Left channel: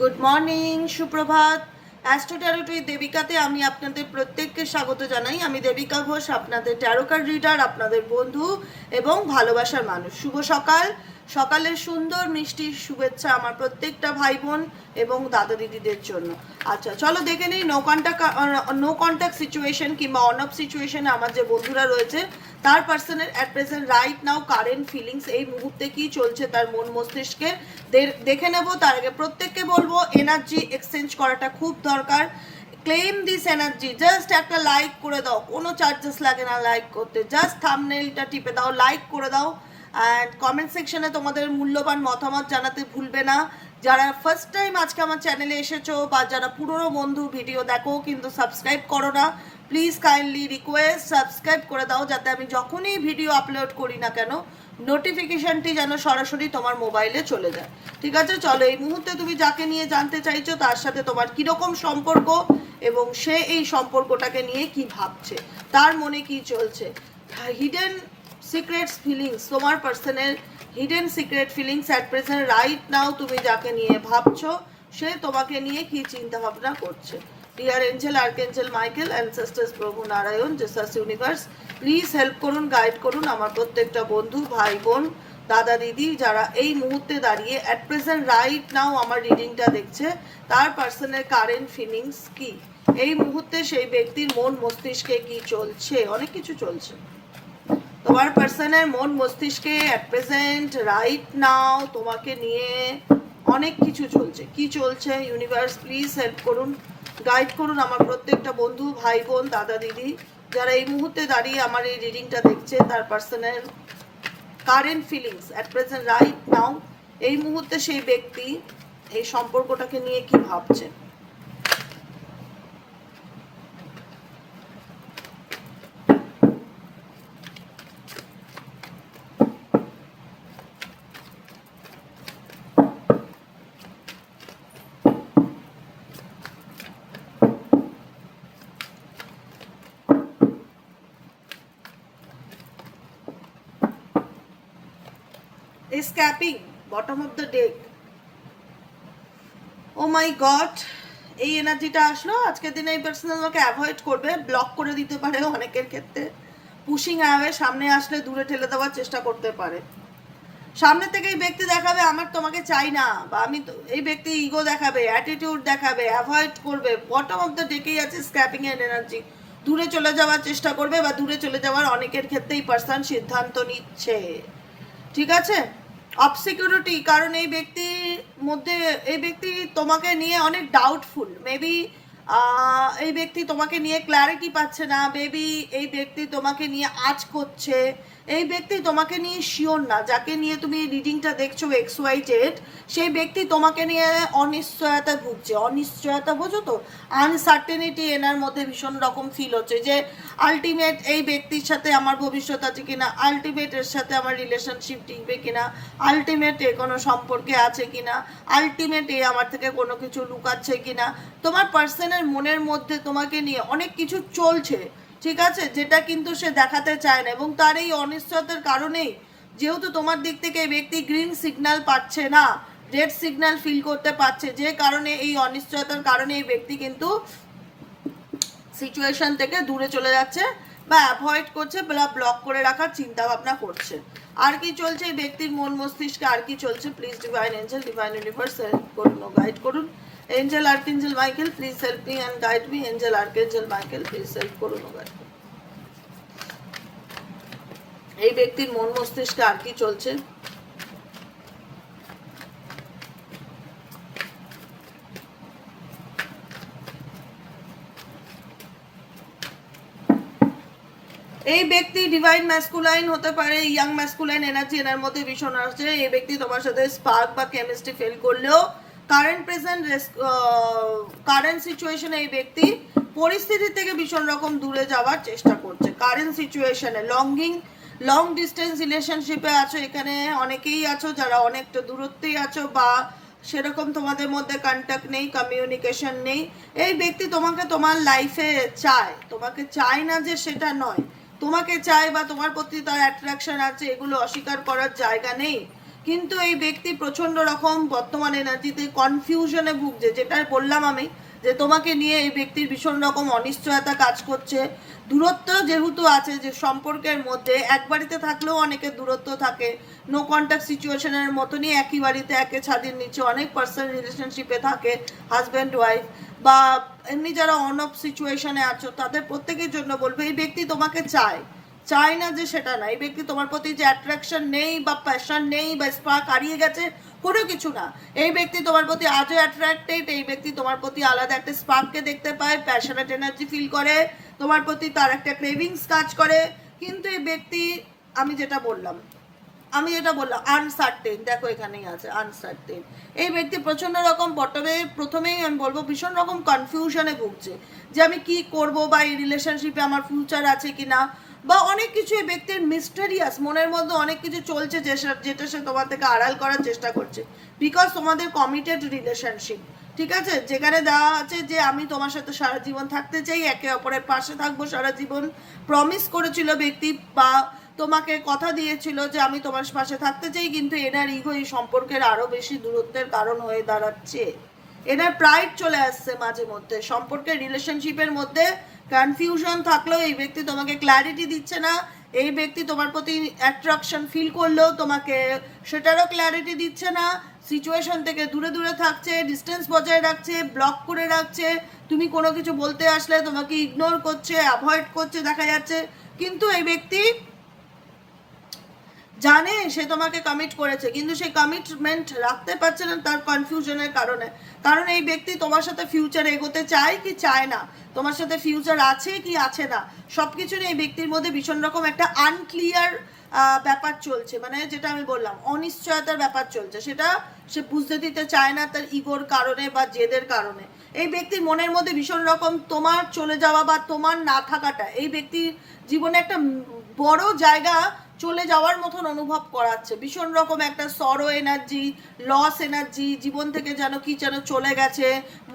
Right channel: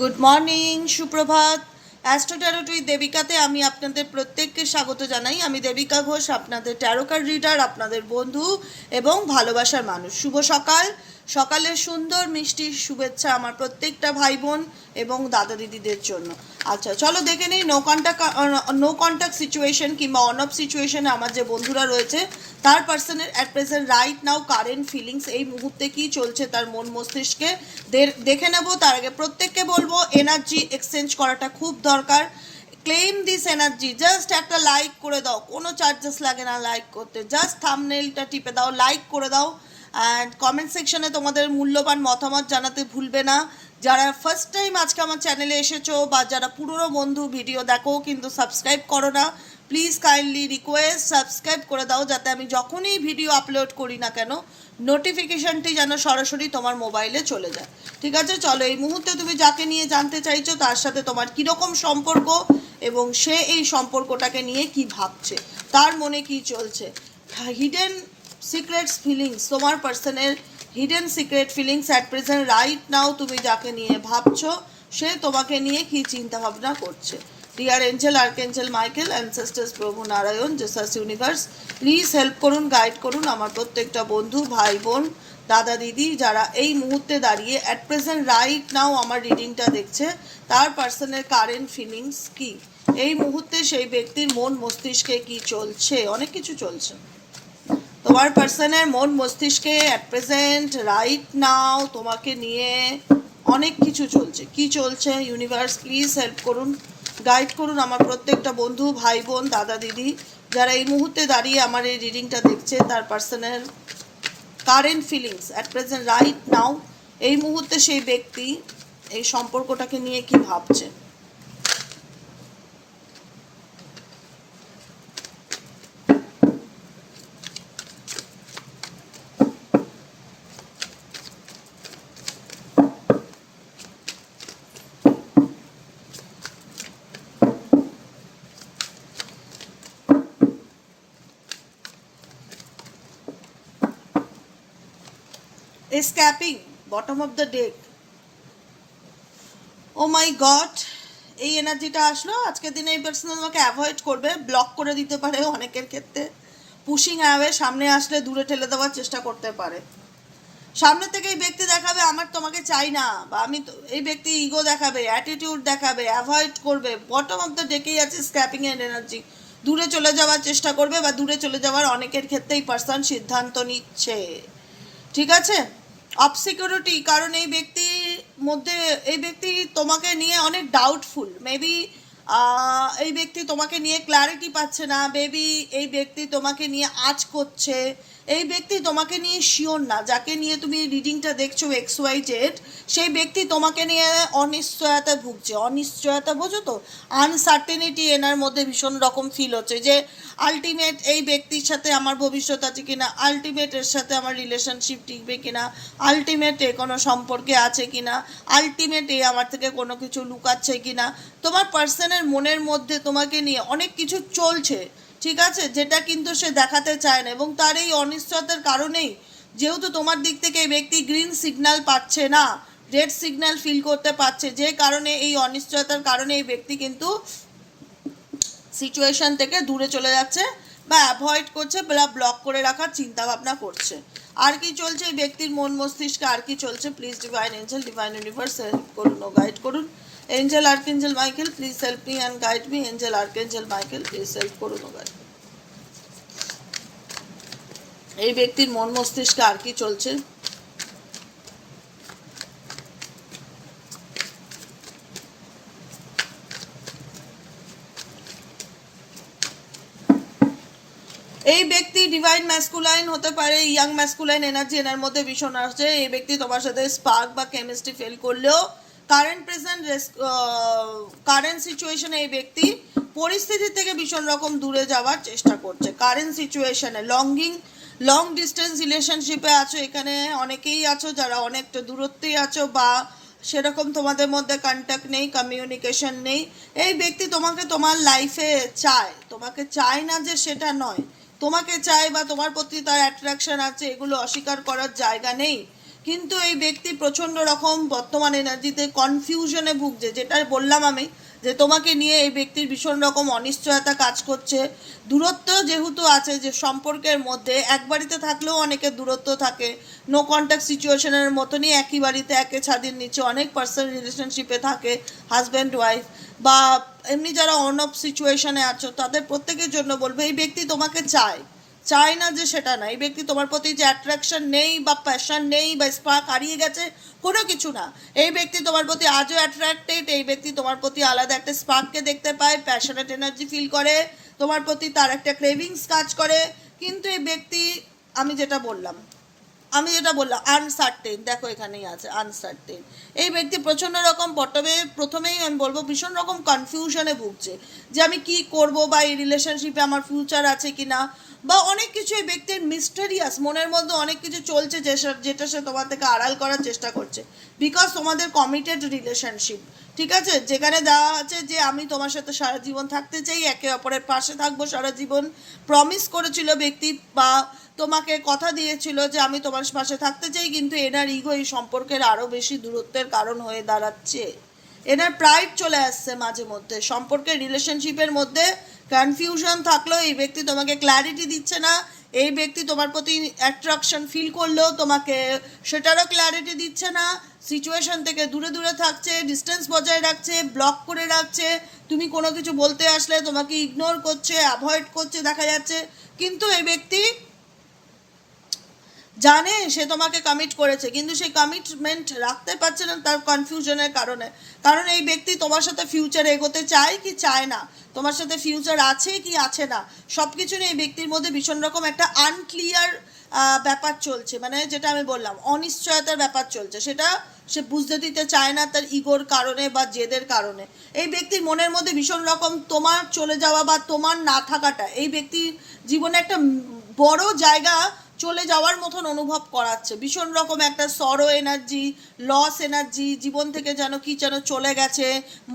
Good morning সুপ্রভাত। Astro দেবিকাতে আমি আপনাদের প্রত্যেককে স্বাগত জানাই। আমি দেবিকা ঘোষ, আপনাদের ট্যারোকার রিডার আপনাদের বন্ধু এবং ভালোবাসার মানুষ। শুভ সকাল। সকালের সুন্দর মিষ্টি শুভেচ্ছা আমার প্রত্যেকটা ভাই বোন এবং দাদা দিদিদের জন্য। আচ্ছা চলো দেখে নিই no contact no contact situation কিংবা অন অফ সিচুয়েশনে আমার যে বন্ধুরা রয়েছে, তার পার্সনের at present right now current feelings এই মুহূর্তে কি চলছে তার মন মস্তিষ্কে দেখে নেব। তার আগে প্রত্যেককে বলব এনার্জি এক্সচেঞ্জ করাটা খুব দরকার। ক্লেম দিস এনার্জি জাস্ট একটা লাইক করে দাও। কোনো চার্জেস লাগে না লাইক করতে। জাস্ট থামনেলটা টিপে দাও লাইক করে দাও। কমেন্ট সেকশনে তোমাদের মূল্যবান মতামত জানাতে ভুলবে না। যারা ফার্স্ট টাইম আজকে আমার চ্যানেলে এসেছ বা যারা পুরনো বন্ধু ভিডিও দেখো কিন্তু সাবস্ক্রাইব করো না প্লিজ কাইন্ডলি রিকোয়েস্ট সাবস্ক্রাইব করে দাও যাতে আমি যখনই ভিডিও আপলোড করি না কেন নোটিফিকেশনটি যেন সরাসরি তোমার মোবাইলে চলে যায়। ঠিক আছে? চলো, এই মুহূর্তে তুমি যাকে নিয়ে জানতে চাইছো তার সাথে তোমার কীরকম সম্পর্ক এবং সে এই সম্পর্কটাকে নিয়ে কি ভাবছে, তার মনে কি চলছে। হিডেন সিক্রেটস ফিলিংস তোমার পার্সনের hidden secret feelings at present right now তুমি যাকে নিয়ে ভাবছ, সে তোমাকে নিয়ে কি চিন্তা ভাবনা করছে? Dear angel archangel Michael ancestors প্রভু Narayan Jesus universe please help করুন গাইড করুন আমার প্রত্যেকটা বন্ধু, ভাই, বোন, দাদা, দিদি যারা এই মুহূর্তে দাঁড়িয়ে অ্যাট প্রেজেন্ট রাইট নাও আমার রিডিংটা দেখছে, তার পার্সনের কারেন্ট ফিলিংস কি? এই মুহূর্তে সেই ব্যক্তির মন মস্তিষ্কে কি চলছে? অনেক কিছু চলছে। তোমার পার্সনের মন মস্তিষ্কে অ্যাট প্রেজেন্ট রাইট নাও তোমাকে নিয়ে অনেক কিছু চলছে। কি চলছে? ইউনিভার্স প্লিজ হেল্প করুন। গাইড করুন আমার প্রত্যেকটা বন্ধু, ভাই, বোন, দাদা, দিদি, যারা এই মুহূর্তে দাঁড়িয়ে আমার এই রিডিংটা দেখছে, তার পার্সনের current feelings at present right now এই মুহূর্তে সেই ব্যক্তি এই সম্পর্কটাকে নিয়ে কি ভাবছে। Scrapping bottom of the deck oh my god এই এনার্জিটা আসলো। আজকের দিনে এই পার্সোনাল আমাকে অ্যাভয়েড করবে ব্লক করে দিতে পারে অনেকের ক্ষেত্রে। পুশিং অ্যাওয়ে সামনে আসলে দূরে ঠেলে দেওয়ার চেষ্টা করতে পারে। সামনে থেকে এই ব্যক্তি দেখাবে, আমার তোমাকে চাই না। বা, আমি এই ব্যক্তি ইগো দেখাবে অ্যাটিটিউড দেখাবে অ্যাভয়েড করবে। বটম অফ দ্য ডেকেই আছে স্ক্যাপিং এর এনার্জি দূরে চলে যাওয়ার চেষ্টা করবে বা দূরে চলে যাওয়ার অনেকের ক্ষেত্রেই পার্সন সিদ্ধান্ত নিচ্ছে। ঠিক আছে? অফ সিকিউরিটি কারণ এই ব্যক্তির মধ্যে, এই ব্যক্তি তোমাকে নিয়ে অনেক ডাউটফুল মেবি এই ব্যক্তি তোমাকে নিয়ে ক্ল্যারিটি পাচ্ছে না। মেবি এই ব্যক্তি তোমাকে নিয়ে আজ করছে। এই ব্যক্তি তোমাকে নিয়ে শিওর না, যাকে নিয়ে তুমি রিডিংটা দেখছ এক্স ওয়াই জেড সেই ব্যক্তি তোমাকে নিয়ে অনিশ্চয়তা ভুগছে। অনিশ্চয়তা বোঝো তো? আনসার্টেনিটি এনার মধ্যে ভীষণ রকম ফিল হচ্ছে যে আলটিমেট এই ব্যক্তির সাথে আমার ভবিষ্যৎ আছে কিনা আলটিমেট এর সাথে আমার রিলেশনশিপ টিকবে কিনা আলটিমেট এ কোনো সম্পর্কে আছে কিনা আলটিমেট এই আমার থেকে কোনো কিছু লুকাচ্ছে কিনা, তোমার পার্সনের মনের মধ্যে তোমাকে নিয়ে অনেক কিছু চলছে। ঠিক আছে? যেটা কিন্তু সে দেখাতে চায় না এবং তার এই অনিশ্চয়তার কারণেই যেহেতু তোমার দিক থেকে এই ব্যক্তি গ্রিন সিগনাল পাচ্ছে না রেড সিগন্যাল ফিল করতে পারছে, যে কারণে এই অনিশ্চয়তার কারণে এই ব্যক্তি কিন্তু সিচুয়েশন থেকে দূরে চলে যাচ্ছে। বা অ্যাভয়েড করছে বা ব্লক করে রাখার চিন্তা ভাবনা করছে। আর কি চলছে এই ব্যক্তির মন মস্তিষ্কে? আর কি চলছে? Please divine angel divine universe help করুন ও গাইড করুন। Angel archangel Michael please help me and guide me angel archangel Michael please help করুন ও গাইড এই ব্যক্তির মন মস্তিষ্কে আর কি চলছে? এই ব্যক্তি ডিভাইন ম্যাসকুলাইন হতে পারে ইয়াং ম্যাসকুলাইন এনার্জি এনার মধ্যে ভীষণ আসছে। এই ব্যক্তি তোমার সাথে স্পার্ক বা কেমিস্ট্রি ফেল করলেও কারেন্ট প্রেজেন্ট কারেন্ট সিচুয়েশনে এই ব্যক্তি পরিস্থিতি থেকে ভীষণ রকম দূরে যাওয়ার চেষ্টা করছে। কারেন্ট সিচুয়েশনে লঙ্গিং লং ডিস্টেন্স রিলেশনশিপে আছো, এখানে অনেকেই আছো, যারা অনেকটা দূরত্বেই আছো বা সেরকম তোমাদের মধ্যে কন্ট্যাক্ট নেই কমিউনিকেশন নেই। এই ব্যক্তি তোমাকে তোমার লাইফে চায়। তোমাকে চায় না যে সেটা নয়। তোমাকে চায় বা তোমার প্রতি তার অ্যাট্রাকশন আছে, এগুলো অস্বীকার করার জায়গা নেই। কিন্তু এই ব্যক্তি প্রচণ্ড রকম বর্তমান এনার্জিতে কনফিউশনে ভুগছে। যেটা বললাম আমি, যে তোমাকে নিয়ে এই ব্যক্তির ভীষণ রকম অনিশ্চয়তা কাজ করছে। দূরত্ব যেহেতু আছে, যে সম্পর্কের মধ্যে, এক বাড়িতে থাকলেও অনেকের দূরত্ব থাকে। নো কন্ট্যাক্ট সিচুয়েশনের মতনই একই বাড়িতে, একে ছাদের নিচে অনেক পার্সোনাল রিলেশনশিপে থাকে হাজব্যান্ড ওয়াইফ বা এমনি যারা অন অফ সিচুয়েশনে আছো, তাদের প্রত্যেকের জন্য বলব, এই ব্যক্তি তোমাকে চায়। চায় না যে সেটা না। এই ব্যক্তি তোমার প্রতি যে অ্যাট্রাকশন নেই বা প্যাশন নেই বা স্পার্ক হারিয়ে গেছে, কোনো কিছু না। এই ব্যক্তি তোমার প্রতি আজও অ্যাট্রাক্টেড এই ব্যক্তি তোমার প্রতি আলাদা একটা স্পার্ককে দেখতে পায় প্যাশনেট এনার্জি ফিল করে, তোমার প্রতি তার একটা ক্রেভিংস কাজ করে। কিন্তু এই ব্যক্তি, আমি যেটা বললাম আমি যেটা বললাম আনসার্টেন দেখো এখানেই আছে আনসার্টেন এই ব্যক্তি প্রচণ্ড রকম প্রথমে প্রথমেই আমি বলব ভীষণ রকম কনফিউশনে ভুগছে যে আমি কি করব বা এই রিলেশনশিপে আমার ফিউচার আছে কি না বা অনেক কিছু এই ব্যক্তির মিস্টেরিয়াস মনের মধ্যে অনেক কিছু চলছে যেটা সে তোমার থেকে আড়াল করার চেষ্টা করছে বিকজ তোমাদের কমিটেড রিলেশনশিপ ঠিক আছে? যেখানে দেওয়া আছে যে আমি তোমার সাথে সারা জীবন থাকতে চাই, একে অপরের পাশে থাকব, সারা জীবন প্রমিস করেছিল ব্যক্তি বা তোমাকে কথা দিয়েছিল যে আমি তোমার পাশে থাকতে চাই, কিন্তু এনার ইগো এই সম্পর্কের আরও বেশি দূরত্বের কারণ হয়ে দাঁড়াচ্ছে। এনার প্রাইড চলে আসছে মাঝে মধ্যে। সম্পর্কের রিলেশনশিপের মধ্যে কনফিউশন থাকলেও এই ব্যক্তি তোমাকে ক্ল্যারিটি দিচ্ছে না। এই ব্যক্তি তোমার প্রতি অ্যাট্রাকশন ফিল করলেও তোমাকে সেটারও ক্ল্যারিটি দিচ্ছে না। সিচুয়েশন থেকে দূরে দূরে থাকছে ডিস্টেন্স বজায় রাখছে ব্লক করে রাখছে। তুমি কোনো কিছু বলতে আসলে তোমাকে ইগনোর করছে অ্যাভয়েড করছে, দেখা যাচ্ছে। কিন্তু এই ব্যক্তি জানে সে তোমাকে কমিট করেছে, কিন্তু সে কমিটমেন্ট রাখতে পারছে না তার কনফিউশনের কারণে। কারণ এই ব্যক্তি তোমার সাথে ফিউচার এগোতে চায় কি চায় না? তোমার সাথে ফিউচার আছে কি আছে না? সব কিছু এই ব্যক্তির মধ্যে ভীষণ রকম একটা আনক্লিয়ার ব্যাপার চলছে। মানে যেটা আমি বললাম, অনিশ্চয়তার ব্যাপার চলছে। সেটা সে বুঝতে দিতে চায় না তার ইগোর কারণে বা জেদের কারণে। এই ব্যক্তির মনের মধ্যে ভীষণ রকম তোমার চলে যাওয়া বা তোমার না থাকাটা, এই ব্যক্তির জীবনে একটা বড় জায়গা চলে যাওয়ার মতন অনুভব করাচ্ছে। ভীষণ রকম একটা সরো এনার্জি লস এনার্জি জীবন থেকে যেন কি যেন চলে গেছে,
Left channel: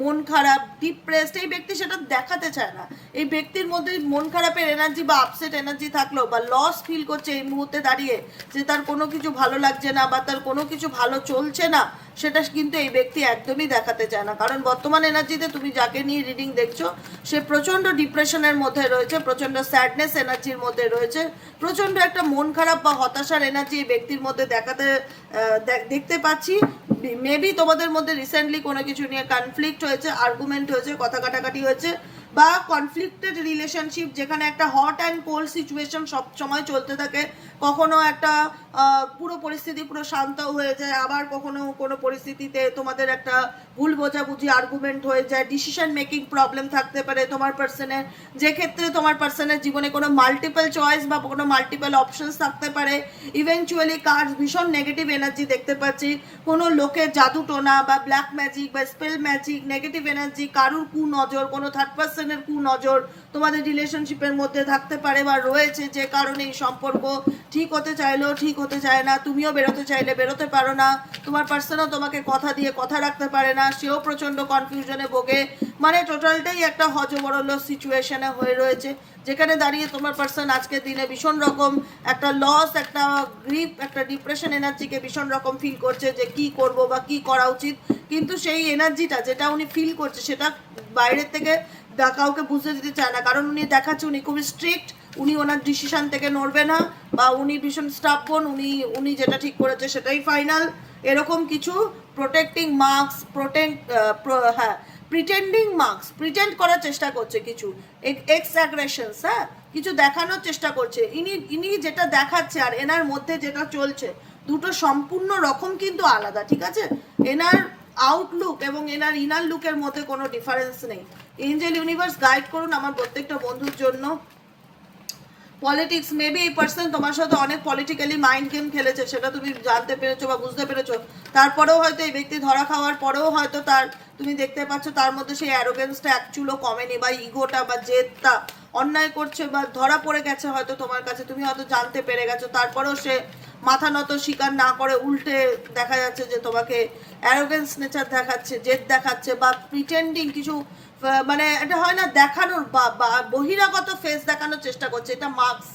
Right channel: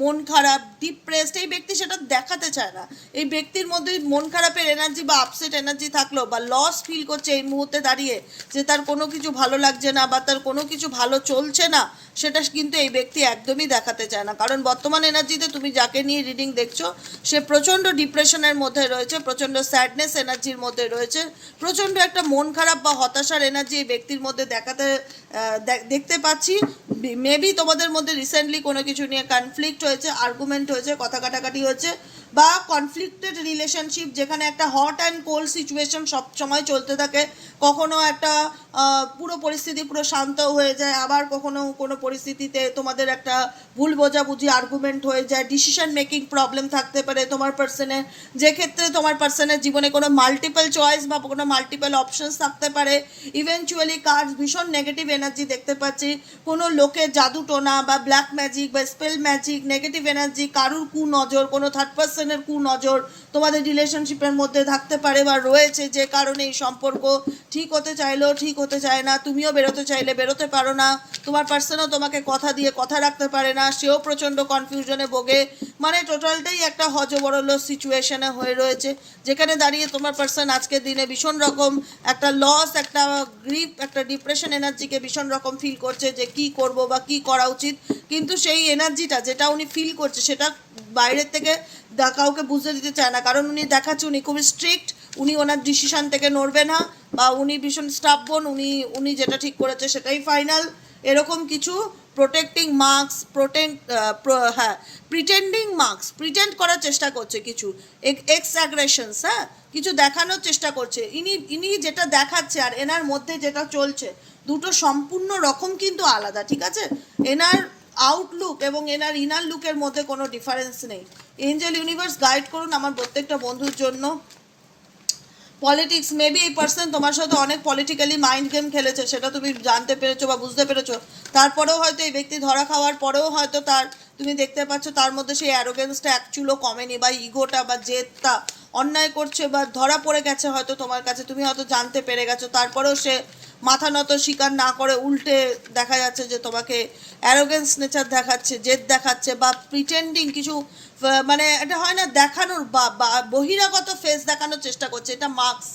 মন খারাপ ডিপ্রেসড এই ব্যক্তি সেটা দেখাতে চায় না। এই ব্যক্তির মধ্যে মন খারাপের এনার্জি বা আপসেট এনার্জি থাকল বা লস ফিল করছে এই মুহূর্তে দাঁড়িয়ে, যে তার কোনো কিছু ভালো লাগছে না বা তার কোনো কিছু ভালো চলছে না, সেটা কিন্তু এই ব্যক্তি একদমই দেখাতে চায় না। কারণ বর্তমান এনার্জিতে তুমি যাকে নিয়ে রিডিং দেখছ, সে প্রচণ্ড ডিপ্রেশনের মধ্যে রয়েছে, প্রচণ্ড স্যাডনেস এনার্জির মধ্যে রয়েছে, প্রচণ্ড একটা মন খারাপ বা হতাশার এনার্জি ব্যক্তির মধ্যে দেখাতে দেখতে পাচ্ছি। মেবি তোমাদের মধ্যে রিসেন্টলি কোনো কিছু নিয়ে কনফ্লিক্ট হয়েছে আর্গুমেন্ট হয়েছে, কথা কাটাকাটি হয়েছে, বা কনফ্লিক্টেড রিলেশনশিপ যেখানে একটা হট অ্যান্ড কোল্ড সিচুয়েশন সব সময় চলতে থাকে। কখনো একটা পুরো পরিস্থিতি পুরো শান্ত হয়ে যায়, আবার কখনো কোনো পরিস্থিতিতে তোমাদের একটা ভুল বোঝাবুঝি আর্গুমেন্ট হয়ে যায় ডিসিশন মেকিং প্রবলেম থাকতে পারে তোমার পার্সনে যে ক্ষেত্রে তোমার পার্সনের জীবনে কোনো মাল্টিপল চয়েস বা কোনো মাল্টিপল অপশনস থাকতে পারে ইভেনচুয়ালি কার ভীষণ নেগেটিভ এনার্জি দেখতে পাচ্ছি। কোনো লোকের জাদু টোনা বা ব্ল্যাক ম্যাজিক বা স্পেল ম্যাজিক নেগেটিভ এনার্জি কারুর কু নজর, কোনো থার্ড পার্সনের কু নজর তোমাদের রিলেশনশিপের মধ্যে থাকতে পারে বা রয়েছে যে কারণে এই সম্পর্ক ঠিক হতে চাইলেও ঠিক হতে চায় না, তুমিও বেরোতে চাইলে বেরোতে পারো না, তোমার পার্সনও তোমাকে কথা দিয়ে কথা রাখতে পারে না, সেও প্রচণ্ড কনফিউশনে ভোগে। মানে টোটালটাই একটা হজবরল সিচুয়েশনে হয়ে রয়েছে, যেখানে দাঁড়িয়ে তোমার পার্সন আজকের দিনে ভীষণ রকম একটা লস একটা গ্রিপ একটা ডিপ্রেশন এনার্জিকে ভীষণ রকম ফিল করছে যে কি করব বা কি করা উচিত। কিন্তু সেই এনার্জিটা যেটা উনি ফিল করছে, সেটা বাইরের থেকে কাউকে বুঝতে দিতে চায় না। কারণ উনি দেখাচ্ছে উনি খুবই স্ট্রিক্ট উনি ওনার ডিসিশন থেকে নড়বে না, বা উনি ভীষণ স্টাবন উনি উনি যেটা ঠিক করেছে সেটাই ফাইনাল এরকম কিছু প্রোটেক্টিং মার্কস প্রোটেক্ট হ্যাঁ প্রিটেন্ডিং মার্কস প্রিটেন্ড করার চেষ্টা করছে কিছু। এক্স অ্যাগ্রেশনস হ্যাঁ কিছু দেখানোর চেষ্টা করছে। ইনি ইনি যেটা দেখাচ্ছে আর এনার মধ্যে যেটা চলছে, দুটো সম্পূর্ণ রকম কিন্তু আলাদা, ঠিক আছে? এনার আউটলুক এবং এনার ইনার লুকের মধ্যে কোনো ডিফারেন্স নেই। এঞ্জেল ইউনিভার্স গাইড করুন আমার প্রত্যেকটা বন্ধুর জন্য। পলিটিক্স মেবি এই পার্সন তোমার সাথে অনেক পলিটিক্যালি মাইন্ড গেম খেলেছে, সেটা তুমি জানতে পেরেছ বা বুঝতে পেরেছ। তারপরেও হয়তো এই ব্যক্তি ধরা খাওয়ার পরেও হয়তো তার, তুমি দেখতে পাচ্ছ তার মধ্যে সেই অ্যারোগেন্সটা এক চুলো কমেনি বা ইগোটা বা জেদটা অন্যায় করছে বা ধরা পড়ে গেছে হয়তো তোমার কাছে, তুমি হয়তো জানতে পেরে গেছো। তারপরেও সে মাথা নত স্বীকার না করে উল্টে দেখা যাচ্ছে যে তোমাকে অ্যারোগেন্স নেচার দেখাচ্ছে, জেদ দেখাচ্ছে বা প্রিটেন্ডিং কিছু মানে এটা হয় না দেখানোর বা বহিরাগত ফেস দেখানোর চেষ্টা করছে। এটা মার্কস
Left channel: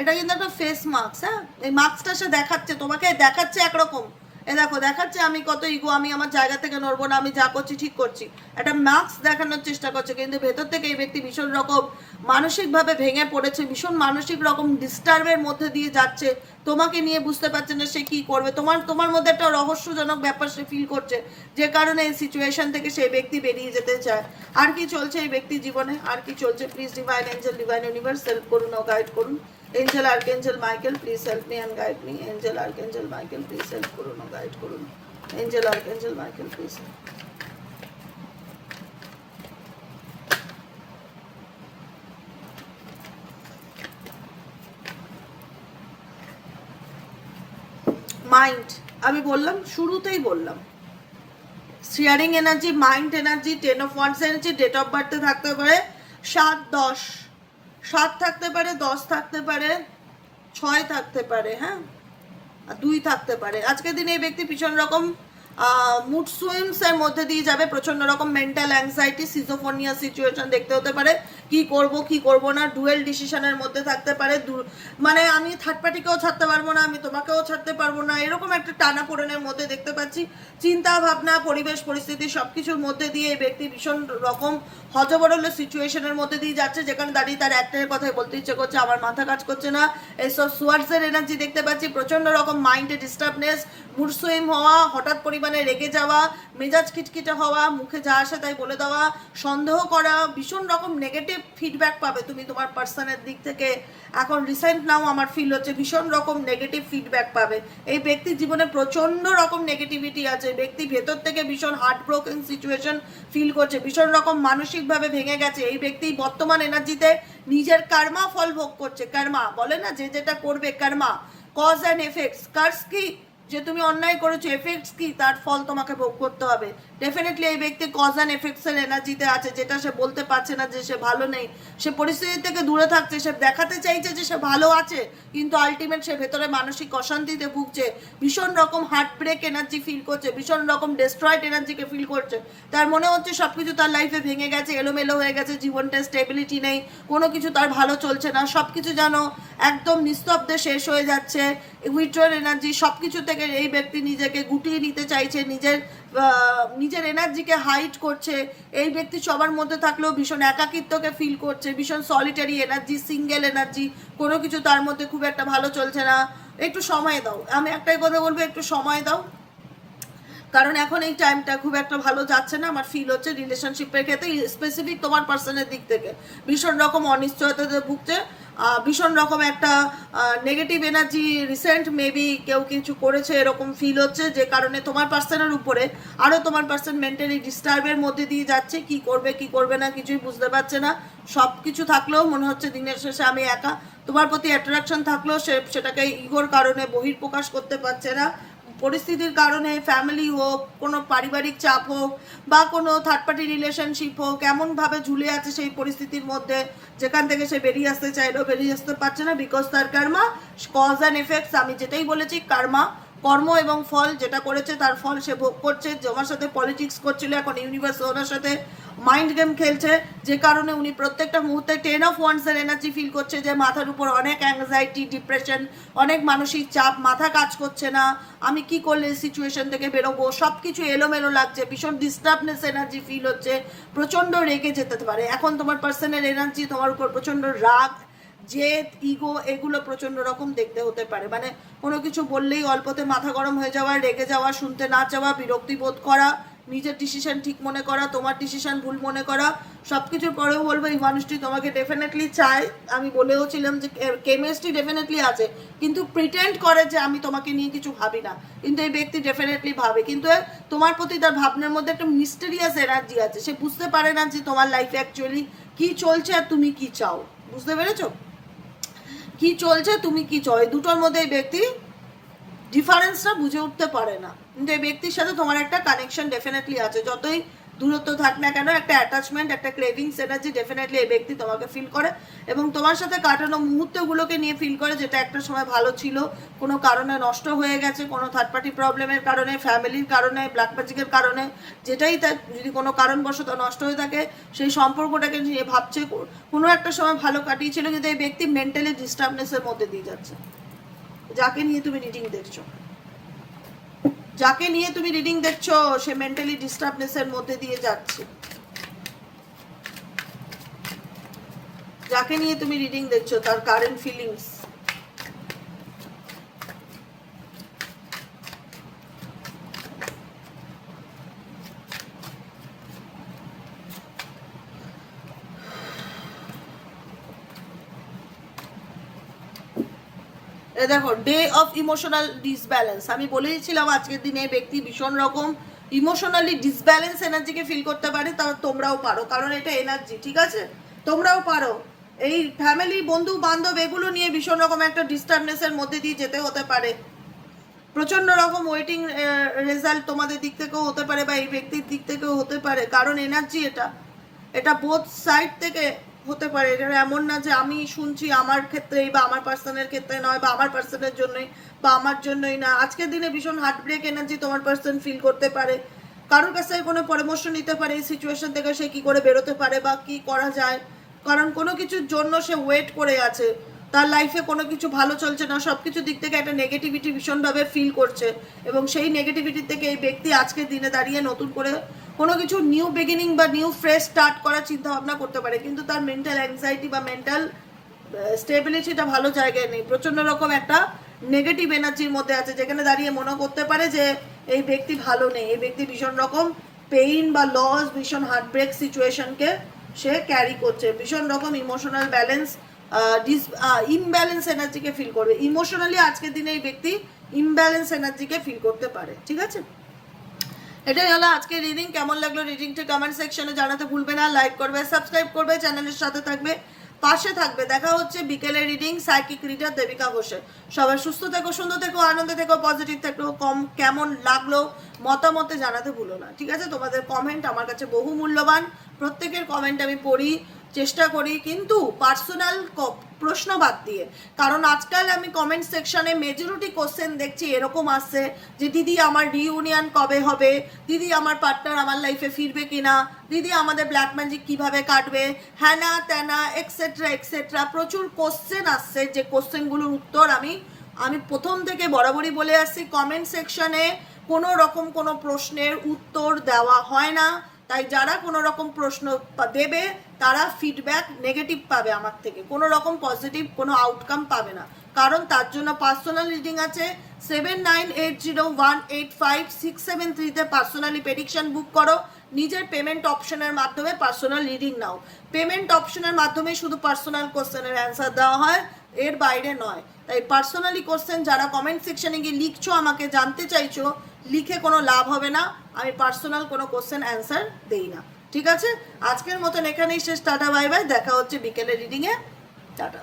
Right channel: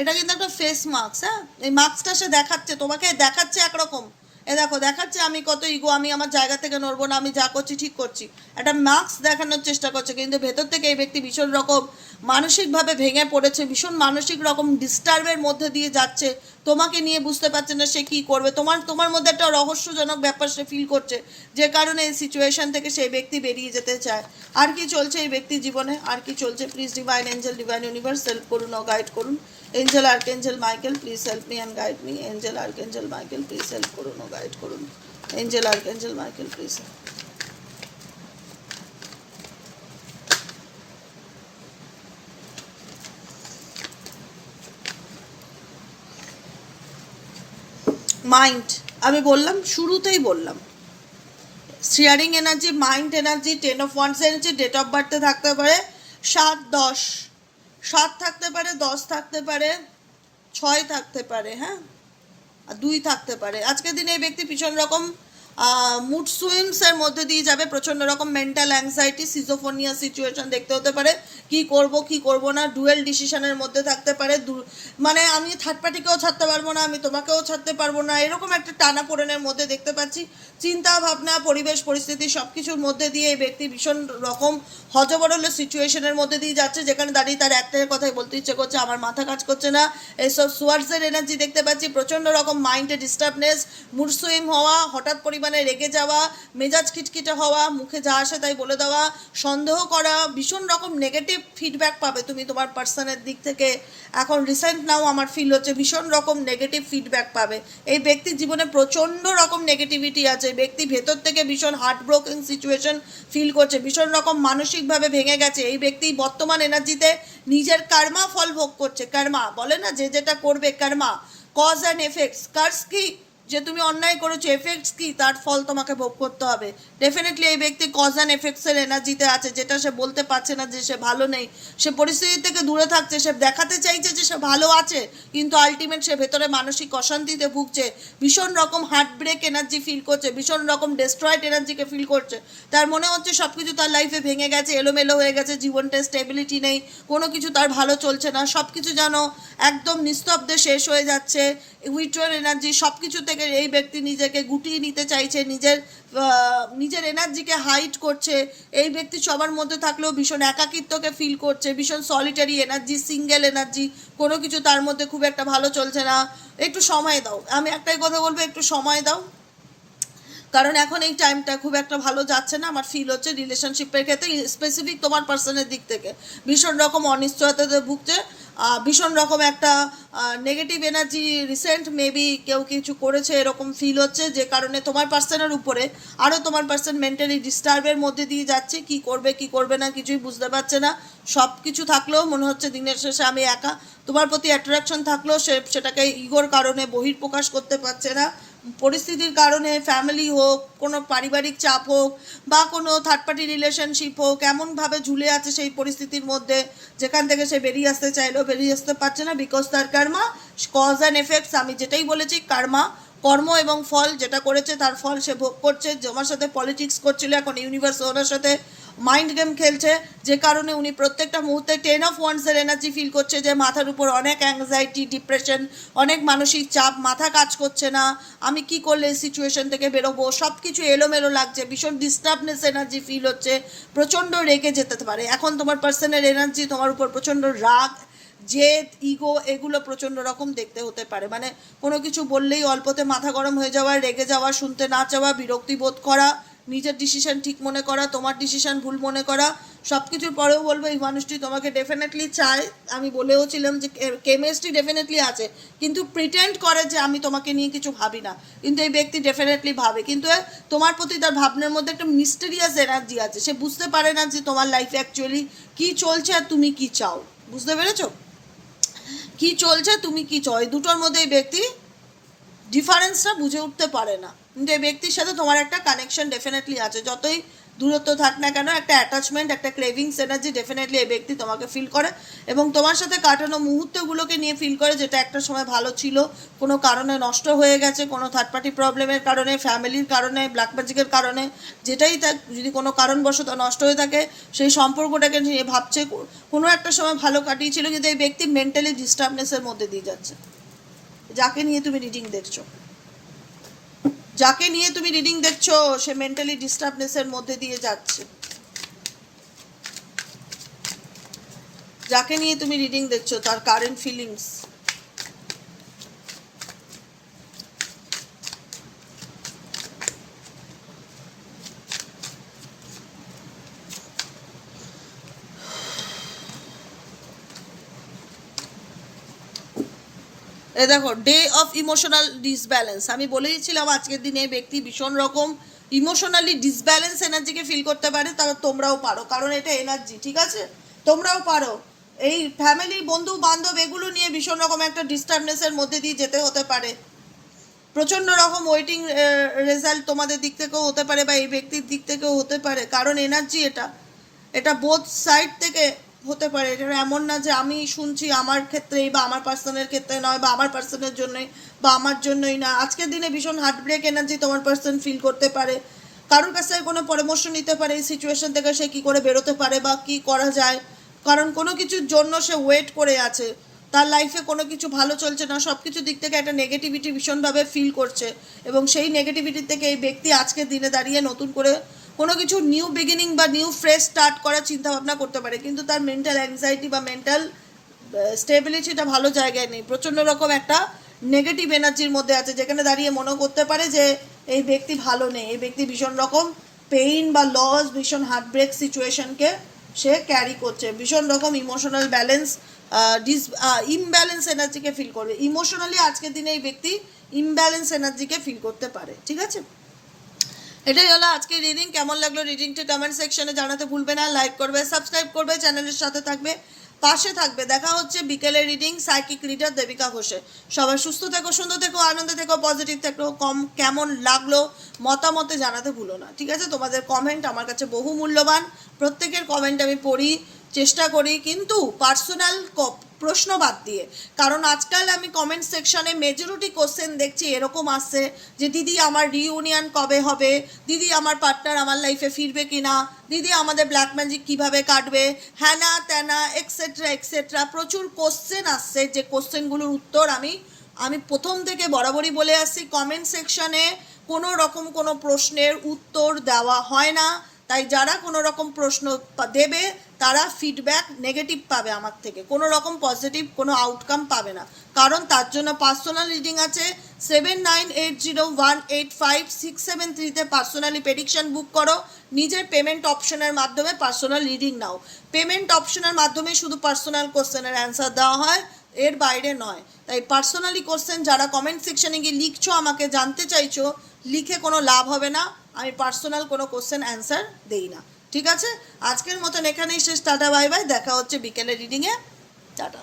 এটা কিন্তু একটা ফেস মাস্ক হ্যাঁ? এই মাস্কটা সে দেখাচ্ছে, তোমাকে দেখাচ্ছে একরকম। এ দেখো, দেখাচ্ছে আমি কত ইগো আমি আমার জায়গা থেকে নড়বো না, আমি যা করছি ঠিক করছি। একটা মাস্ক দেখানোর চেষ্টা করছে, কিন্তু ভেতর থেকে এই ব্যক্তি ভীষণ রকম মানসিকভাবে ভেঙে পড়েছে, ভীষণ মানসিক রকম ডিস্টার্বের মধ্যে দিয়ে যাচ্ছে। তোমাকে নিয়ে বুঝতে পারছে না সে কি করবে। তোমার তোমার মধ্যে একটা রহস্যজনক ব্যাপার সে ফিল করছে, যে কারণে এই সিচুয়েশন থেকে সেই ব্যক্তি বেরিয়ে যেতে চায়। আর কি চলছে এই ব্যক্তি জীবনে? আর কি চলছে? Please divine angel divine universe help করুন ও গাইড করুন। Angel archangel Michael please help me and guide me angel archangel Michael please help করুন ও গাইড করুন angel archangel Michael please mind আমি বললাম, শুরুতেই বললাম। Sharing energy mind energy ten of wands energy date of বার্থে থাকতে পারে সাত, দশ। সাত থাকতে পারে, দশ থাকতে পারে, ছয় থাকতে পারে হ্যাঁ? আর দুই থাকতে পারে। আজকের দিনে এই ব্যক্তি ভীষণ রকম মুড সুইমসের মধ্যে দিয়ে যাবে। প্রচণ্ড রকম মেন্টাল অ্যাংজাইটি সিজোফোনিয়া সিচুয়েশন দেখতে হতে পারে। কি করব কি করব না ডুয়েল ডিসিশনের মধ্যে থাকতে পারে। মানে আমি থার্ড পার্টিকেও ছাড়তে পারব না, আমি তোমাকেও ছাড়তে পারব না। এরকম একটা টানা পোড়েনের মধ্যে দেখতে পাচ্ছি। চিন্তা ভাবনা, পরিবেশ, পরিস্থিতি সব কিছুর মধ্যে দিয়ে এই ব্যক্তি ভীষণ রকম হজবরল সিচুয়েশনের মধ্যে দিয়ে যাচ্ছে, যেখানে দাঁড়িয়ে তার একটাই কথাই বলতে ইচ্ছে করছে, আমার মাথা কাজ করছে না। এসব সুয়ার্সের এনার্জি দেখতে পাচ্ছি। প্রচণ্ড রকম মাইন্ডে ডিস্টার্বনেস মুড সুইম হওয়া, হঠাৎ পরিমাণে রেগে যাওয়া, মেজাজ খিটখিটে হওয়া, মুখে যা আসে তাই বলে দেওয়া, সন্দেহ করা, ভীষণ রকম নেগেটিভ ফিডব্যাক পাবে তুমি তোমার পার্সনের দিক থেকে। এখন রিসেন্ট নাও আমার ফিল হচ্ছে ভীষণ রকম নেগেটিভ ফিডব্যাক পাবে। এই ব্যক্তির জীবনে প্রচণ্ড রকম নেগেটিভিটি আছে। ব্যক্তি ভেতর থেকে ভীষণ হার্ট ব্রোকেন সিচুয়েশন ফিল করছে, ভীষণ রকম মানসিকভাবে ভেঙে গেছে। এই ব্যক্তি বর্তমান এনার্জিতে নিজের কার্মা ফল ভোগ করছে। কার্মা বলে না যে যেটা করবে karma cause and effects curse কি? যে তুমি অন্যায় করেছ এফেক্টস কি? তার ফল তোমাকে ভোগ করতে হবে। ডেফিনেটলি এই ব্যক্তি কজ অ্যান্ড এফেক্টসের এনার্জিতে আছে, যেটা সে বলতে পারছে না যে সে ভালো নেই। সে পরিস্থিতি থেকে দূরে থাকছে, সে দেখাতে চাইছে যে সে ভালো আছে, কিন্তু আলটিমেট সে ভেতরে মানসিক অশান্তিতে ভুগছে। ভীষণ রকম হার্ট ব্রেক এনার্জি ফিল করছে, ভীষণ রকম ডেস্ট্রয়েড এনার্জিকে ফিল করছে। তার মনে হচ্ছে সব কিছু তার লাইফে ভেঙে গেছে, এলোমেলো হয়ে গেছে, জীবনটা স্টেবিলিটি নেই, কোনো কিছু তার ভালো চলছে না। সব কিছু যেন একদম নিস্তব্ধে শেষ হয়ে যাচ্ছে। উইথড্রল এনার্জি সব কিছু থেকে এই ব্যক্তি নিজেকে গুটিয়ে নিতে চাইছে, নিজের নিজের এনার্জিকে হাইট করছে। এই ব্যক্তি সবার মধ্যে থাকলেও ভীষণ একাকিত্বকে ফিল করছে, ভীষণ সলিটারি এনার্জি সিঙ্গেল এনার্জি কোনো কিছু তার মধ্যে খুব একটা ভালো চলছে না। একটু সময় দাও। আমি একটাই কথা বলব, একটু সময় দাও। কারণ এখন এই টাইমটা খুব একটা ভালো যাচ্ছে না। আমার ফিল হচ্ছে রিলেশনশিপের ক্ষেত্রে স্পেসিফিক তোমার পার্সনের দিক থেকে। ভীষণ রকম অনিশ্চয়তাতে ভুগছে। ভীষণ রকম একটা নেগেটিভ এনার্জি রিসেন্ট মেবি কেউ কিছু করেছে, এরকম ফিল হচ্ছে, যে কারণে তোমার পার্সনের উপরে আরও তোমার পার্সন মেন্টালি ডিস্টার্বের মধ্যে দিয়ে যাচ্ছে, কি করবে কি করবে না, কিছুই বুঝতে পারছে না। সব কিছু থাকলেও মনে হচ্ছে দিনের শেষে আমি একা। তোমার প্রতি অ্যাট্রাকশন থাকলেও সে, সেটাকে ইগোর কারণে বহির্প্রকাশ করতে পারছে না। পরিস্থিতির কারণে ফ্যামিলি হোক, কোনো পারিবারিক চাপ হোক, বা কোনো থার্ড পার্টি রিলেশনশিপ হোক, এমনভাবে ঝুলে আছে সেই পরিস্থিতির মধ্যে, যেখান থেকে সে বেরিয়ে আসতে চাইলেও বেরিয়ে আসতে পারছে না বিকজ তার কার্মা কজ অ্যান্ড এফেক্টস আমি যেটাই বলেছি কার্মা কর্ম এবং ফল যেটা করেছে, তার ফল সে ভোগ করছে। তোমার সাথে পলিটিক্স করছিল, এখন ইউনিভার্স ওনার সাথে মাইন্ড গেম খেলছে। যে কারণে উনি প্রত্যেকটা মুহূর্তে টেন অফ ওয়ান্সের এনার্জি ফিল করছে যে মাথার উপর অনেক অ্যাংজাইটি ডিপ্রেশন অনেক মানসিক চাপ, মাথা কাজ করছে না, আমি কি করলে সিচুয়েশন থেকে বেরোবো? সব কিছু এলোমেলো লাগছে, ভীষণ ডিস্টার্বনেস এনার্জি ফিল হচ্ছে, প্রচণ্ড রেগে যেতে পারে। এখন তোমার পার্সনের এনার্জি তোমার উপর প্রচণ্ড রাগ জেদ ইগো এগুলো প্রচণ্ড রকম দেখতে হতে পারে। মানে কোনো কিছু বললেই অল্পতে মাথা গরম হয়ে যাওয়া, রেগে যাওয়া, শুনতে না চাওয়া, বিরক্তি বোধ করা, নিজের ডিসিশন ঠিক মনে করা, তোমার ডিসিশন ভুল মনে করা সব কিছুর পরেও বলব এই মানুষটি তোমাকে ডেফিনেটলি চায়। আমি বলেও ছিলাম যে কেমিস্ট্রি ডেফিনেটলি আছে, কিন্তু প্রিটেন্ড করে যে আমি তোমাকে নিয়ে কিছু ভাবি না। কিন্তু এই ব্যক্তি ডেফিনেটলি ভাবে। কিন্তু তোমার প্রতি তার ভাবনার মধ্যে একটা মিস্টেরিয়াস এনার্জি আছে। সে বুঝতে পারে না যে তোমার লাইফে অ্যাকচুয়ালি কি চলছে আর তুমি কি চাও। বুঝতে পেরেছ? কি চলছে, তুমি কি চ, এই দুটোর মধ্যে এই ব্যক্তি ডিফারেন্সটা বুঝে উঠতে পারে না। কিন্তু এই ব্যক্তির সাথে তোমার একটা কানেকশন ডেফিনেটলি আছে। যতই দূরত্ব থাক না কেন, একটা অ্যাটাচমেন্ট একটা ক্রেভিংস এনার্জি ডেফিনেটলি এই ব্যক্তি তোমাকে ফিল করে এবং তোমার সাথে কাটানো মুহূর্তগুলোকে নিয়ে ফিল করে যেটা একটা সময় ভালো ছিল, কোনো কারণে নষ্ট হয়ে গেছে, কোনো থার্ড পার্টি প্রবলেমের কারণে ফ্যামিলির কারণে ব্ল্যাক ম্যাজিকের কারণে, যেটাই থাক, যদি কোনো কারণবশত নষ্ট হয়ে থাকে, সেই সম্পর্কটাকে নিয়ে ভাবছে, কোনো একটা সময় ভালো কাটিয়েছিল কিন্তু এই ব্যক্তি মেন্টালি ডিস্টার্বনেসের মধ্যে দিয়ে যাচ্ছে। যাকে নিয়ে তুমি রিডিং দেখছ। যাকে নিয়ে তুমি রিডিং দেখছ, সে মেন্টালি ডিস্টার্বনেসের মধ্যে দিয়ে যাচ্ছে। যাকে নিয়ে তুমি রিডিং দেখছ, তার কারেন্ট ফিলিংস এ দেখো ডে অফ ইমোশনাল ডিসব্যালেন্স আমি বলেইছিলাম আজকের দিনে ব্যক্তি ভীষণ রকম ইমোশনালি ডিসব্যালেন্স এনার্জিকে ফিল করতে পারে তবে তোমরাও পারো। কারণ এটা এনার্জি ঠিক আছে? তোমরাও পারো। এই ফ্যামিলি বন্ধু বান্ধব এগুলো নিয়ে ভীষণ রকম একটা ডিস্টার্বনেসের মধ্যে দিয়ে যেতে হতে পারে। প্রচণ্ড রকম ওয়েটিং রেজাল্ট তোমাদের দিক থেকেও হতে পারে বা এই ব্যক্তির দিক থেকেও হতে পারে। কারণ এনার্জি এটা। এটা বোথ সাইড থেকে হতে পারে। এমন না যে আমি শুনছি আমার ক্ষেত্রেই বা আমার পার্সনের ক্ষেত্রে নয় বা আমার পার্সনের জন্যই বা আমার জন্যই না। আজকের দিনে ভীষণ হার্ট ব্রেক এনার্জি তোমার পার্সন ফিল করতে পারে। কারোর কাছে কোনো পরামর্শ নিতে পারে এই সিচুয়েশন থেকে সে কী করে বেরোতে পারে বা কি করা যায়। কারণ কোনো কিছুর জন্য সে ওয়েট করে আছে। তার লাইফে কোনো কিছু ভালো চলছে না সব কিছু দিক থেকে একটা নেগেটিভিটি ভীষণভাবে ফিল করছে এবং সেই নেগেটিভিটি থেকে এই ব্যক্তি আজকের দিনে দাঁড়িয়ে নতুন করে কোনো কিছু নিউ বিগিনিং বা নিউ ফ্রেশ স্টার্ট করার চিন্তা ভাবনা করতে পারে, কিন্তু তার মেন্টাল অ্যাংজাইটি বা মেন্টাল স্টেবিলিটিটা ভালো জায়গায় নেই। প্রচণ্ড রকম একটা নেগেটিভ এনার্জির মধ্যে আছে, যেখানে দাঁড়িয়ে মনে করতে পারে যে এই ব্যক্তি ভালো নেই। এই ব্যক্তি ভীষণ রকম পেইন বা লস ভীষণ হার্ট ব্রেক সিচুয়েশনকে সে ক্যারি করছে। ভীষণ রকম ইমোশনাল ব্যালেন্স ডিস ইমব্যালেন্স এনার্জিকে ফিল করবে। ইমোশনালি আজকের দিনে এই ব্যক্তি ইমব্যালেন্স এনার্জিকে ফিল করতে পারে, ঠিক আছে? এটাই হলো আজকে রিডিং কেমন লাগল রিডিংটা কমেন্ট সেকশনে জানাতে ভুলবে না। লাইক করবে সাবস্ক্রাইব করবে চ্যানেলের সাথে থাকবে, পাশে থাকবে। দেখা হচ্ছে বিকেলে রিডিং সাইকিক রিডার দেবিকা ঘোষের। সবাই সুস্থ থেকো, সুন্দর থেকো, আনন্দে থেকো পজিটিভ থেকো। কম কেমন লাগল মতামতে জানাতে ভুলো না, ঠিক আছে? তোমাদের কমেন্ট আমার কাছে বহু মূল্যবান প্রত্যেকের কমেন্ট আমি পড়ি। চেষ্টা করি, কিন্তু পার্সোনাল প্রশ্ন বাদ দিয়ে। কারণ আজকাল আমি কমেন্ট সেকশনে মেজরিটি কোশ্চেন দেখছি, এরকম আসছে যে, দিদি, আমার রিউনিয়ন কবে হবে? দিদি, আমার পার্টনার আমার লাইফে ফিরবে কিনা? দিদি, আমাদের ব্ল্যাক ম্যাজিক কীভাবে কাটবে? হ্যানা ত্যানা এক্সেট্রা এক্সেট্রা প্রচুর কোশ্চেন আসছে। যে কোশ্চেনগুলোর উত্তর আমি আমি প্রথম থেকে বরাবরই বলে আসছি। কমেন্ট সেকশনে কোনো রকম কোনো প্রশ্নের উত্তর দেওয়া হয় না। তাই যারা কোনো রকম প্রশ্ন দেবে, তারা ফিডব্যাক নেগেটিভ পাবে আমার থেকে। কোনো রকম পজিটিভ কোনো আউটকাম পাবে না। কারণ তার জন্য পার্সোনাল রিডিং আছে। Seven nine eight zero one eight five six seven থ্রিতে পার্সোনালি প্রেডিকশন বুক করো। নিজের পেমেন্ট অপশনের মাধ্যমে পার্সোনাল রিডিং নাও। পেমেন্ট অপশনের মাধ্যমে শুধু পার্সোনাল কোশ্চেনের অ্যান্সার দেওয়া হয়। এর বাইরে নয়। তাই পার্সোনালি কোশ্চেন যারা কমেন্ট সেকশনে গিয়ে লিখছো, আমাকে জানতে চাইছো, লিখে কোনো লাভ হবে না। আমি পার্সোনাল কোনো কোশ্চেন অ্যান্সার দেই না। ঠিক আছে? আজকের মতন এখানেই শেষ। Tata, bye bye. দেখা হচ্ছে বিকেলে রিডিংয়ে টাটা।